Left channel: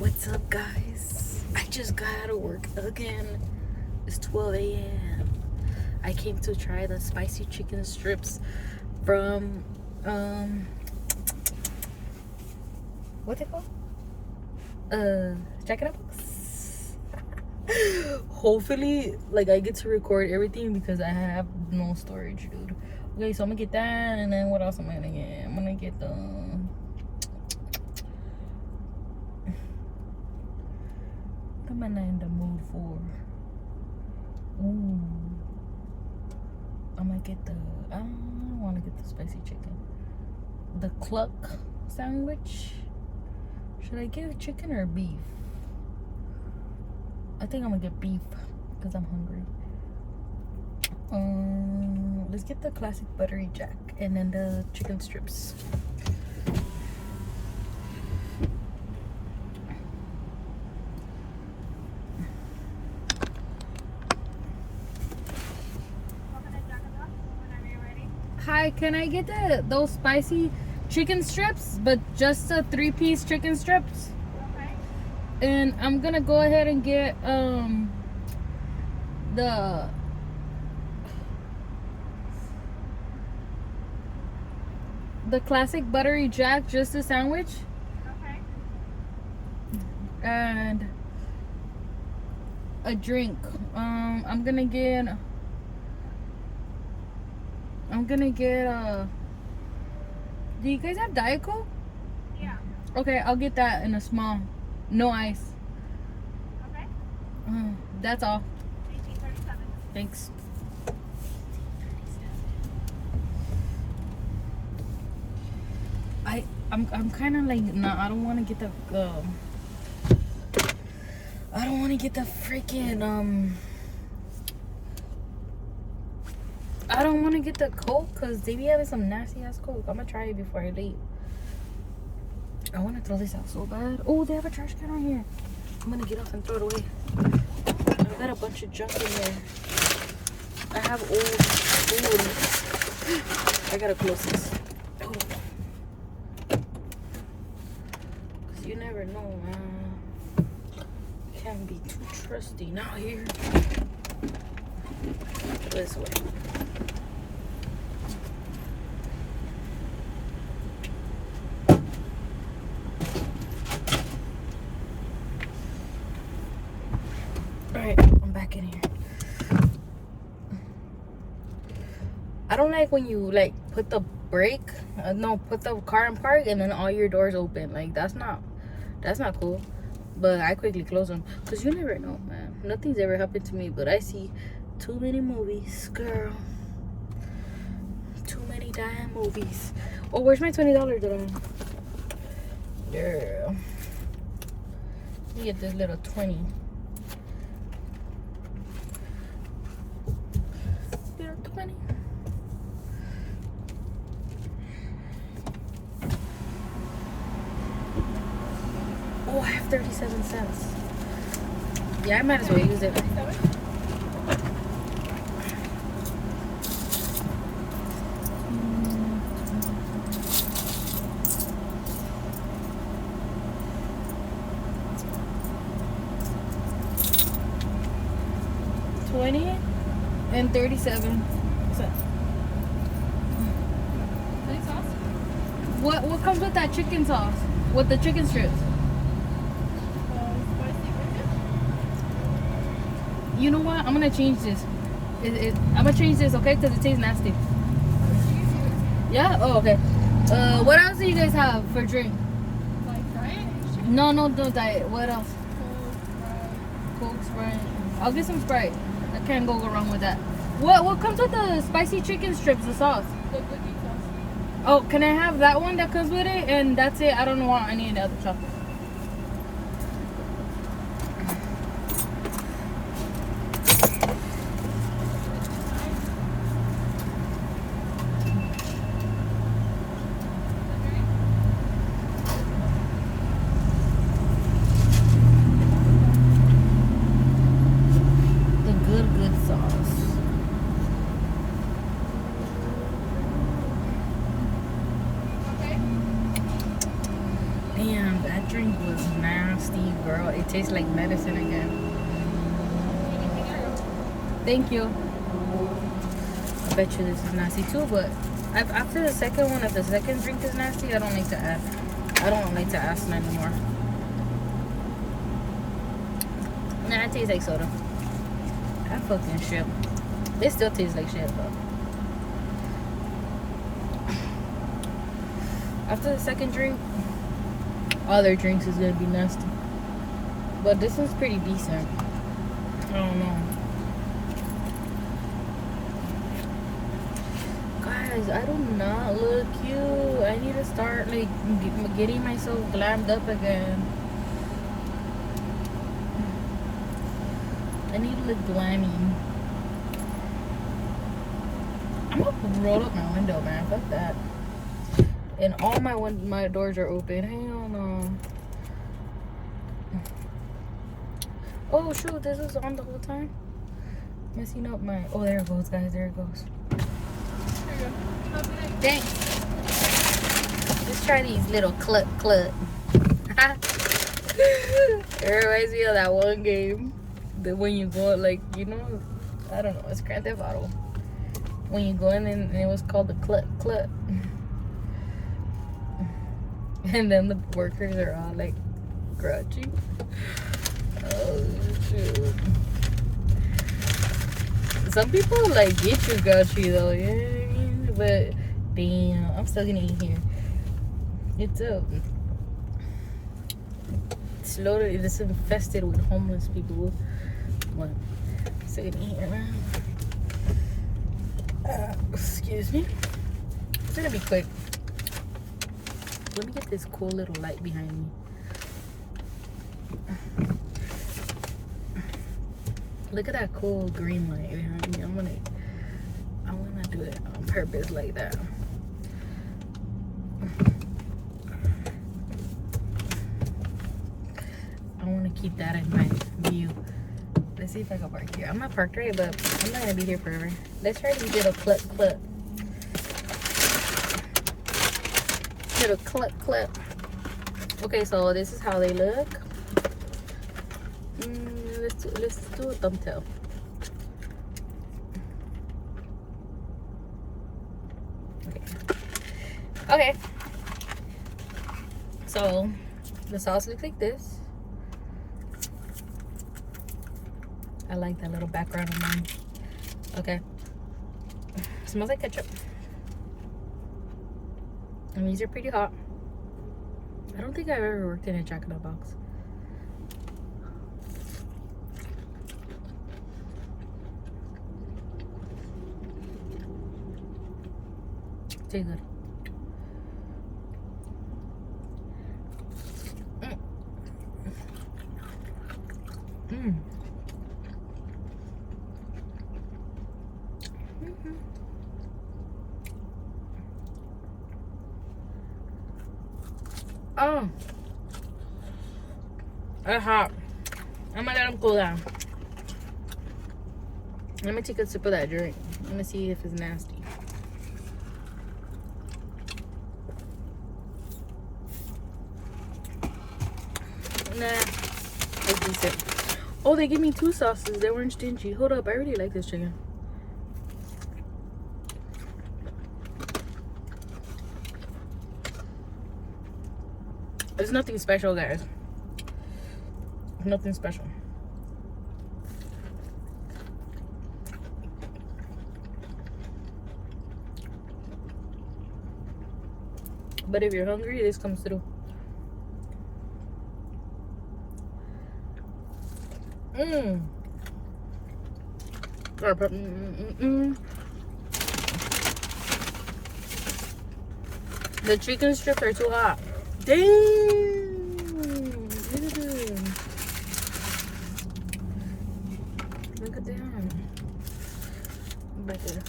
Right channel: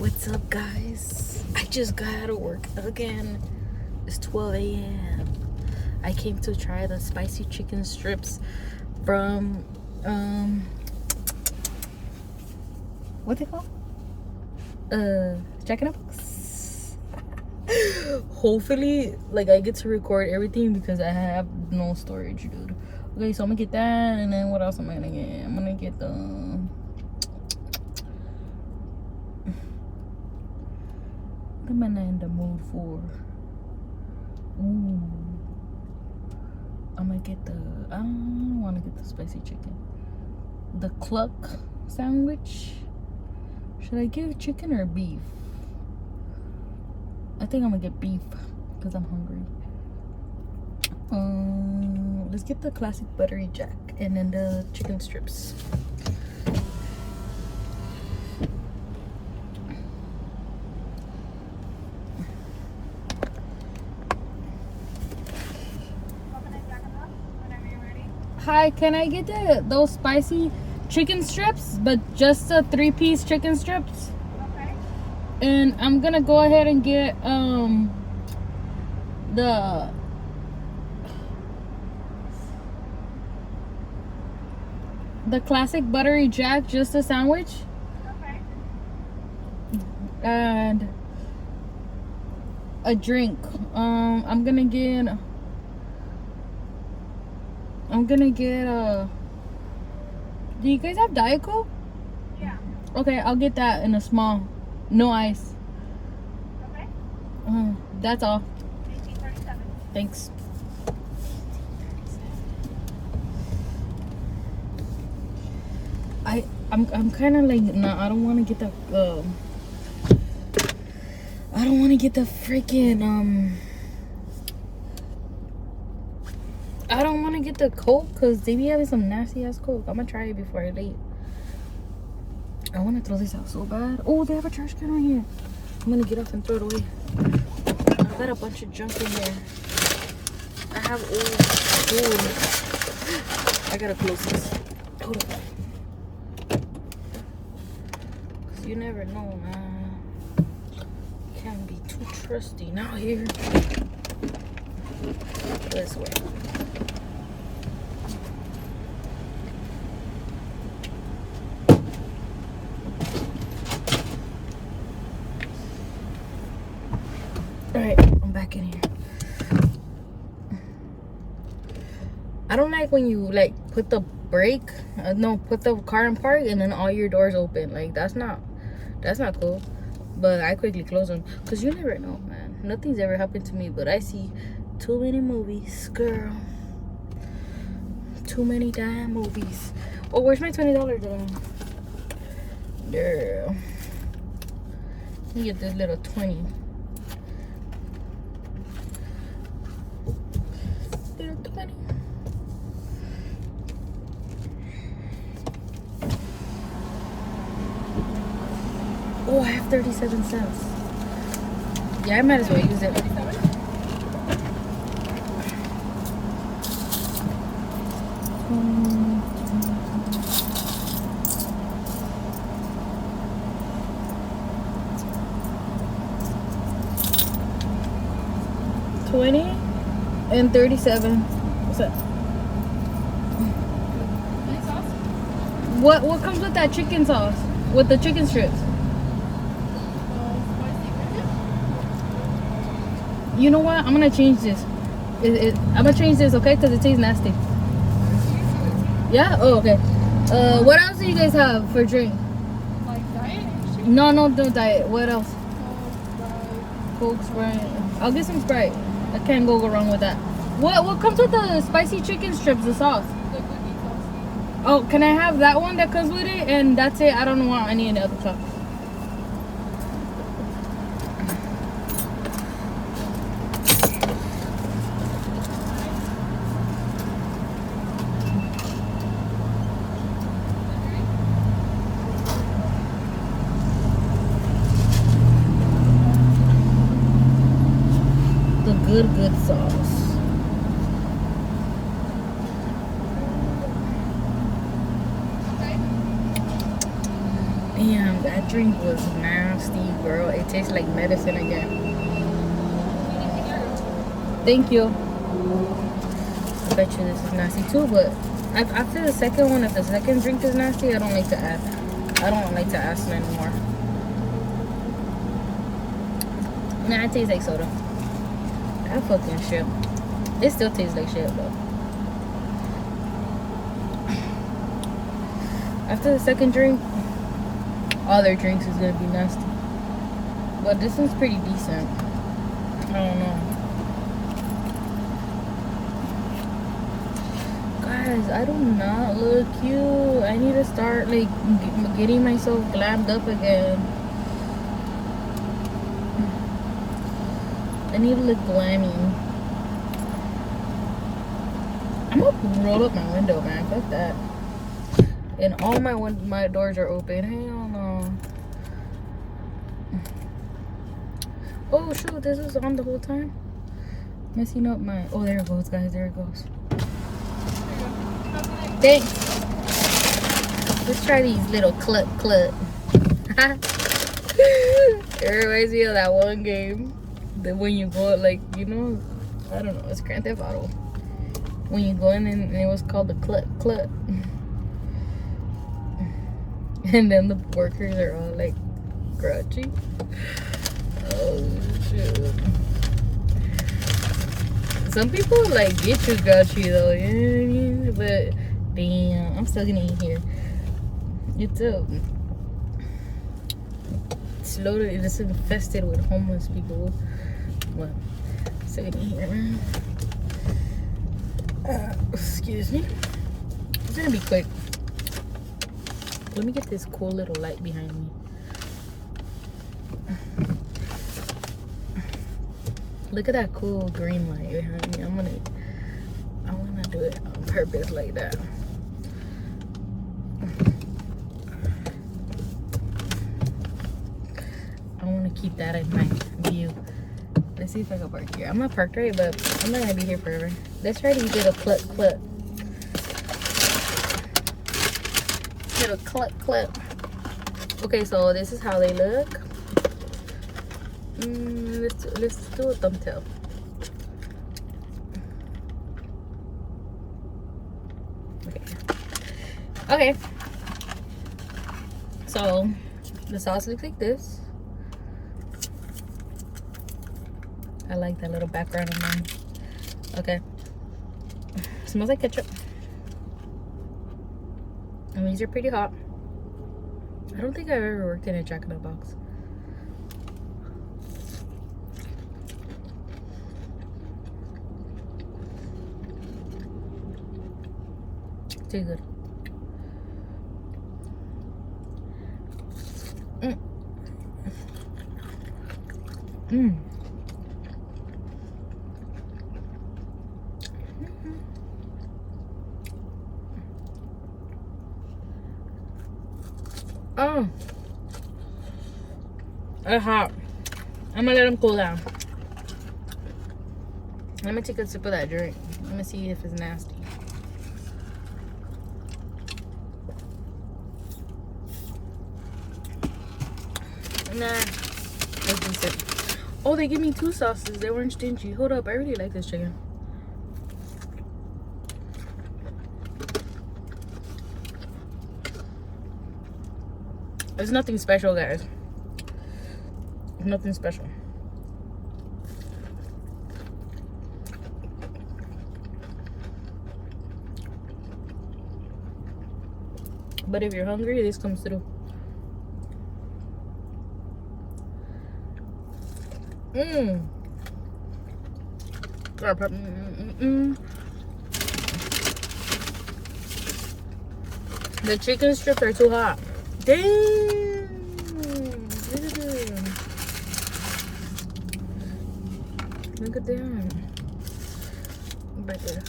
What's up, guys? I just got out of work again. It's 12 a.m. I came to try the spicy chicken strips from what they call? Jack in the Box. Hopefully, like, I get to record everything because I have no storage, dude. Okay, so I'm gonna get that, and then what else am I gonna get? I'm gonna get the what am I not in the mood for? Ooh. I'm gonna get the, I don't want to get the spicy chicken. The cluck sandwich. Should I give chicken or beef? I think I'm gonna get beef because I'm hungry. Let's get the classic buttery jack and then the chicken strips. Hi, can I get those spicy chicken strips, but just the 3-piece chicken strips? Okay. And I'm gonna go ahead and get the classic buttery jack, just a sandwich. Okay. And a drink. I'm gonna get do you guys have Diet Coke? Yeah. Okay, I'll get that in a small, no ice. Okay. That's all. 1837. Thanks. I'm kind of like, nah, I don't want to get the I don't want to get the freaking I don't want to get the Coke because they be having some nasty ass Coke. I'm gonna try it before I leave. I want to throw this out so bad. Oh, they have a trash can right here. I'm gonna get off and throw it away. I've got a bunch of junk in there. I have old food. I gotta close this. Hold on. Cause you never know, man. Can't be too trusty now here. This way. Alright, I'm back in here. I don't like when you like put the brake, put the car in park and then all your doors open. Like that's not cool. But I quickly close them because you never know, man. Nothing's ever happened to me, but I see too many movies, girl. Too many damn movies. Oh, where's my $20 then? Girl. Let me get this little 20. Little 20. Oh, I have 37 cents. Yeah, I might as well use it. $20 and 37. What's that? What comes with that chicken sauce? With the chicken strips? You know what? I'm gonna change this. I'm gonna change this, okay? Because it tastes nasty. Yeah? Oh, okay. What else do you guys have for drink? Like diet? No diet. What else? Coke, Sprite. I'll get some Sprite. I can't go wrong with that. What comes with the spicy chicken strips, the sauce? The cookie sauce. Oh, can I have that one that comes with it? And that's it. I don't want any other sauce. The good sauce. Damn, that drink was nasty, girl. It tastes like medicine again. Thank you. I bet you this is nasty too, but after the second one, if the second drink is nasty, I don't like to add. I don't like to ask anymore. Nah, it tastes like soda. That fucking shit. It still tastes like shit, but after the second drink, all their drinks is gonna be nasty. But this one's pretty decent. I don't know. Guys, I do not look cute. I need to start like getting myself glammed up again. I need to look glammy. I'm gonna roll up my window, man. Fuck that. And all my doors are open. Hell no. Oh shoot, this was on the whole time. Messing up my. Oh, there it goes, guys. There it goes. Thanks. Let's try these little cluck. It reminds me of that one game. That when you go, like, you know, I don't know, it's Grand Theft Auto. When you go in and it was called the cluck. And then the workers are all like grouchy. Oh shoot. Some people like get you grouchy though, you know what I mean? But damn, I'm still gonna eat here. It's loaded, it's infested with homeless people. What? Still gonna eat here, man. Excuse me. It's gonna be quick. Let me get this cool little light behind me. Look at that cool green light behind me. I wanna do it on purpose like that. I wanna keep that in my view. Let's see if I can park here. I'm not parked right, but I'm not gonna be here forever. Let's try to get a cluck. Little cluck. Okay, so this is how they look. Let's do a thumbtail. Okay. So the sauce looks like this. I like that little background of mine. Okay. Smells like ketchup. And these are pretty hot. I don't think I've ever worked in a Jack in the Box. Too good. Oh, it's hot. I'm gonna let them cool down. Let me take a sip of that drink. Let me see if it's nasty. Nah, it's decent. Oh, they give me 2 sauces. They weren't stingy. Hold up, I really like this chicken. It's nothing special, guys. Nothing special. But if you're hungry, this comes through. The chicken strips are too hot. Dang! Look at that. Right there.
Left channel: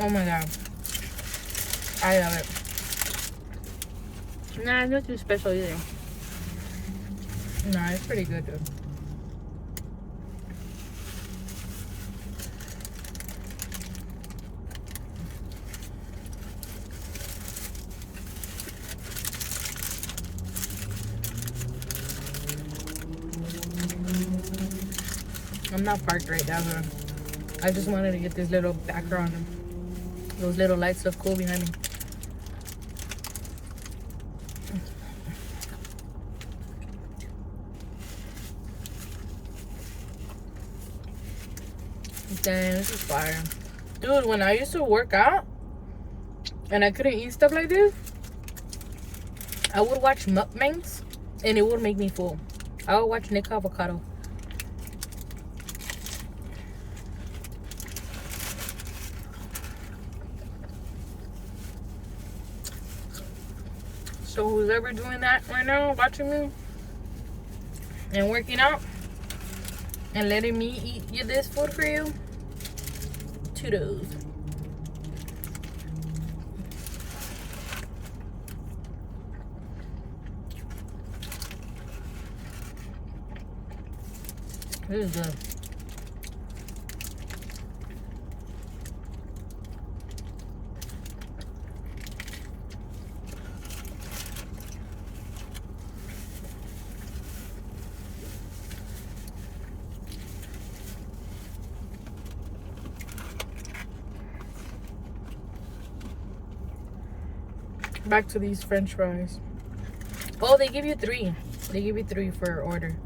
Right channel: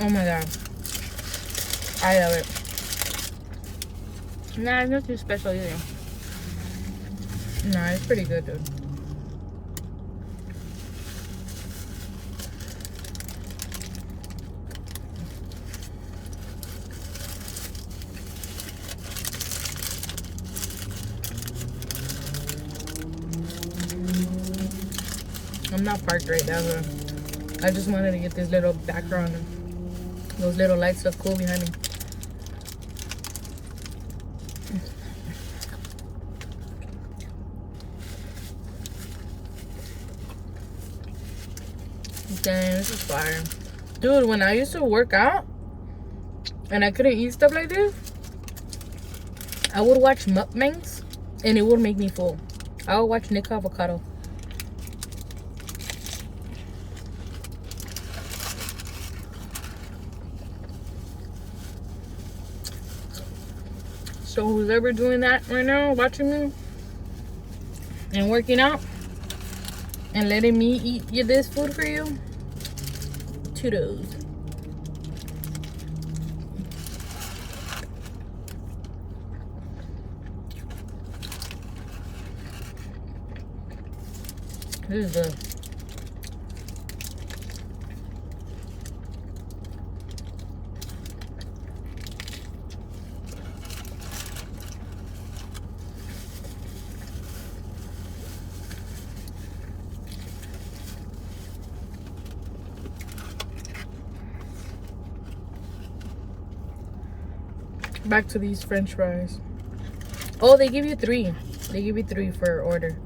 Oh my god. I love it. Nah, it's not too special either. Nah, it's pretty good, dude. I'm not parked right now, so I just wanted to get this little background and those little lights look cool behind me. Dang, this is fire. Dude, when I used to work out and I couldn't eat stuff like this, I would watch mukbangs and it would make me full. I would watch Nick Avocado. So who's ever doing that right now, watching me and working out and letting me eat this food for you, kudos. This is the back to these French fries. Oh, they give you 3. They give you 3 for order.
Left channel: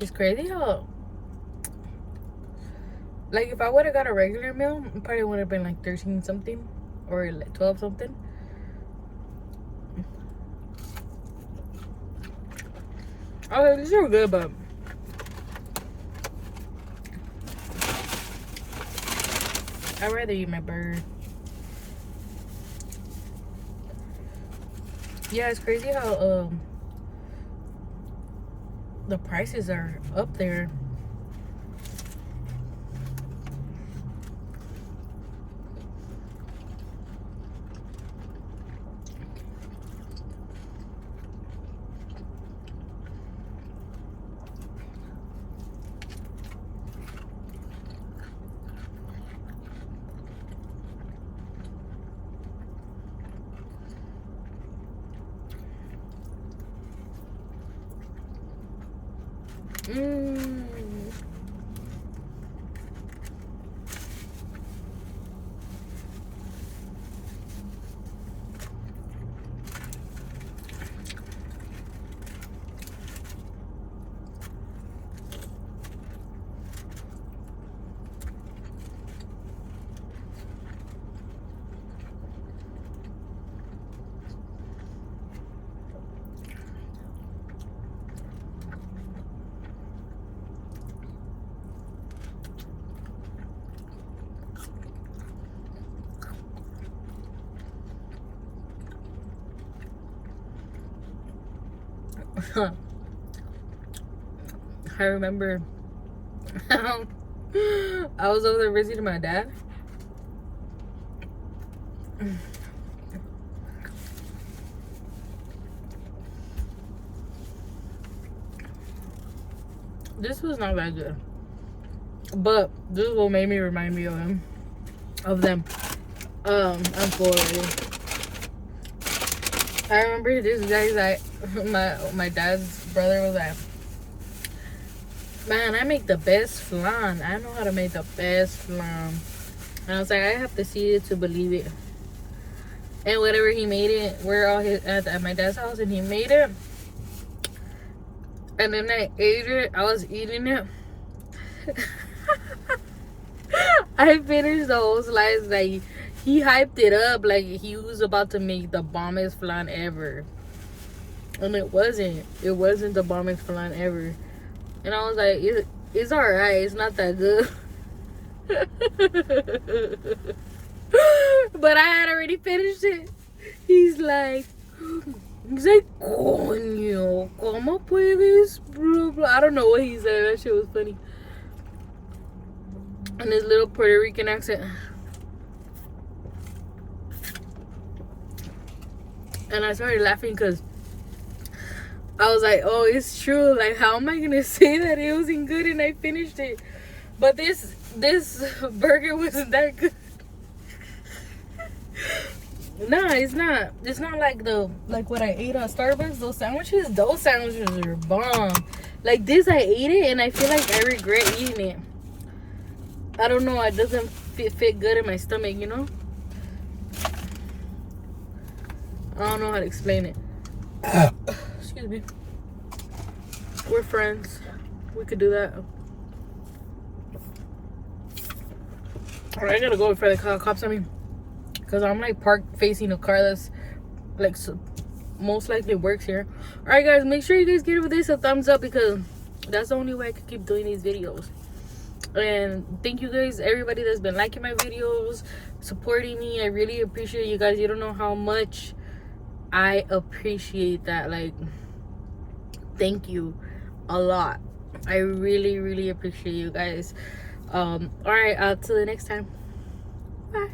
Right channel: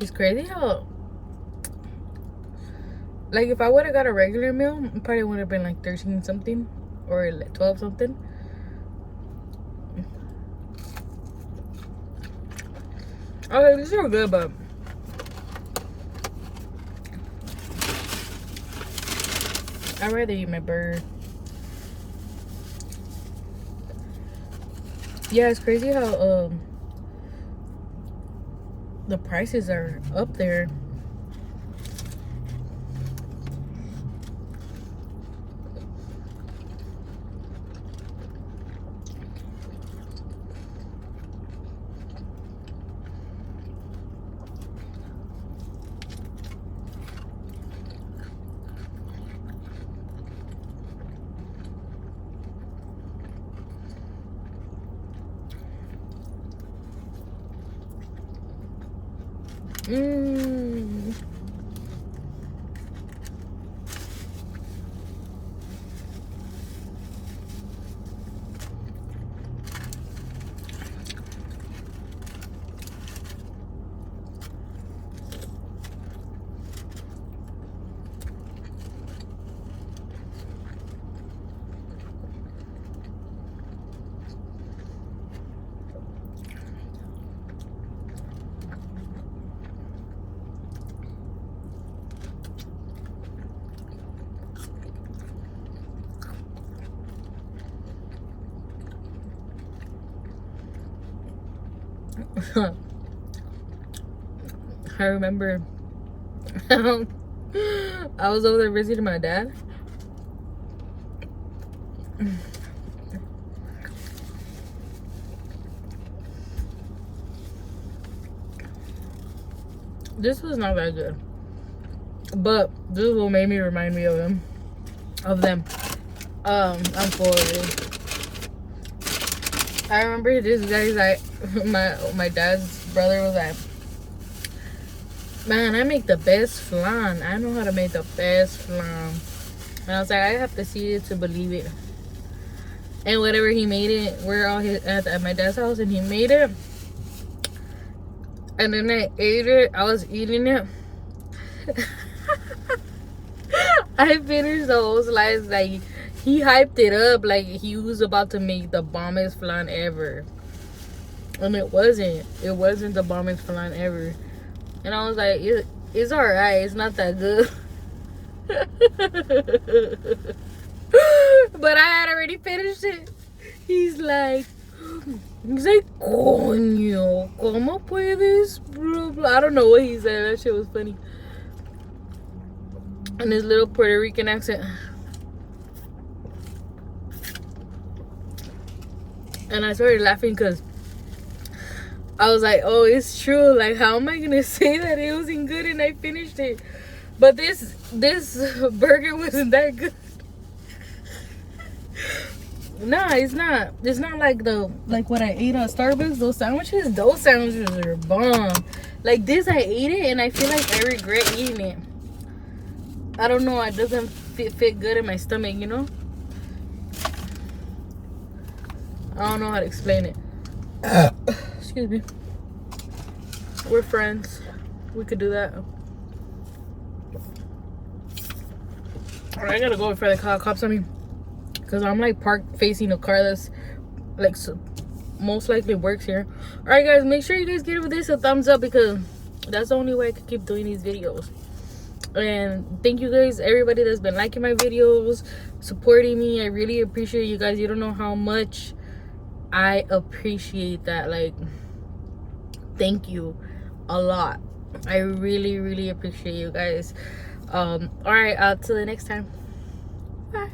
It's crazy how, like, if I would have got a regular meal, it probably would have been like 13 something or like 12 something. Oh, these are good, but I'd rather eat my burger. Yeah, it's crazy how the prices are up there. I remember I was over there visiting my dad. This was not that good, but this is what made me remind me of them. I'm full already. I remember this guy's like, my dad's brother was like, man, I make the best flan. I know how to make the best flan. And I was like, I have to see it to believe it. And whatever he made it, we're all at my dad's house, and he made it. And then I ate it. I was eating it. I finished the whole slice. Like, he hyped it up like he was about to make the bombest flan ever. And it wasn't. It wasn't the bombest flan ever. And I was like, it's alright. It's not that good. But I had already finished it. He's like, oh. in his little Puerto Rican accent. And I started laughing because I was like, oh, it's true. Like, how am I gonna say that it wasn't good and I finished it? But this burger wasn't that good. Nah, it's not. It's not like what I ate at Starbucks. Those sandwiches are bomb. Like this, I ate it and I feel like I regret eating it. I don't know. It doesn't fit good in my stomach, you know. I don't know how to explain it. Excuse me. We're friends. We could do that. Alright, I gotta go before the cops on me. Because I'm like parked facing a car that's like most likely works here. Alright guys, make sure you guys give this a thumbs up because that's the only way I could keep doing these videos. And thank you guys, everybody that's been liking my videos, supporting me. I really appreciate you guys. You don't know how much I appreciate that. Like, thank you a lot. I really appreciate you guys. All right, till the next time. Bye.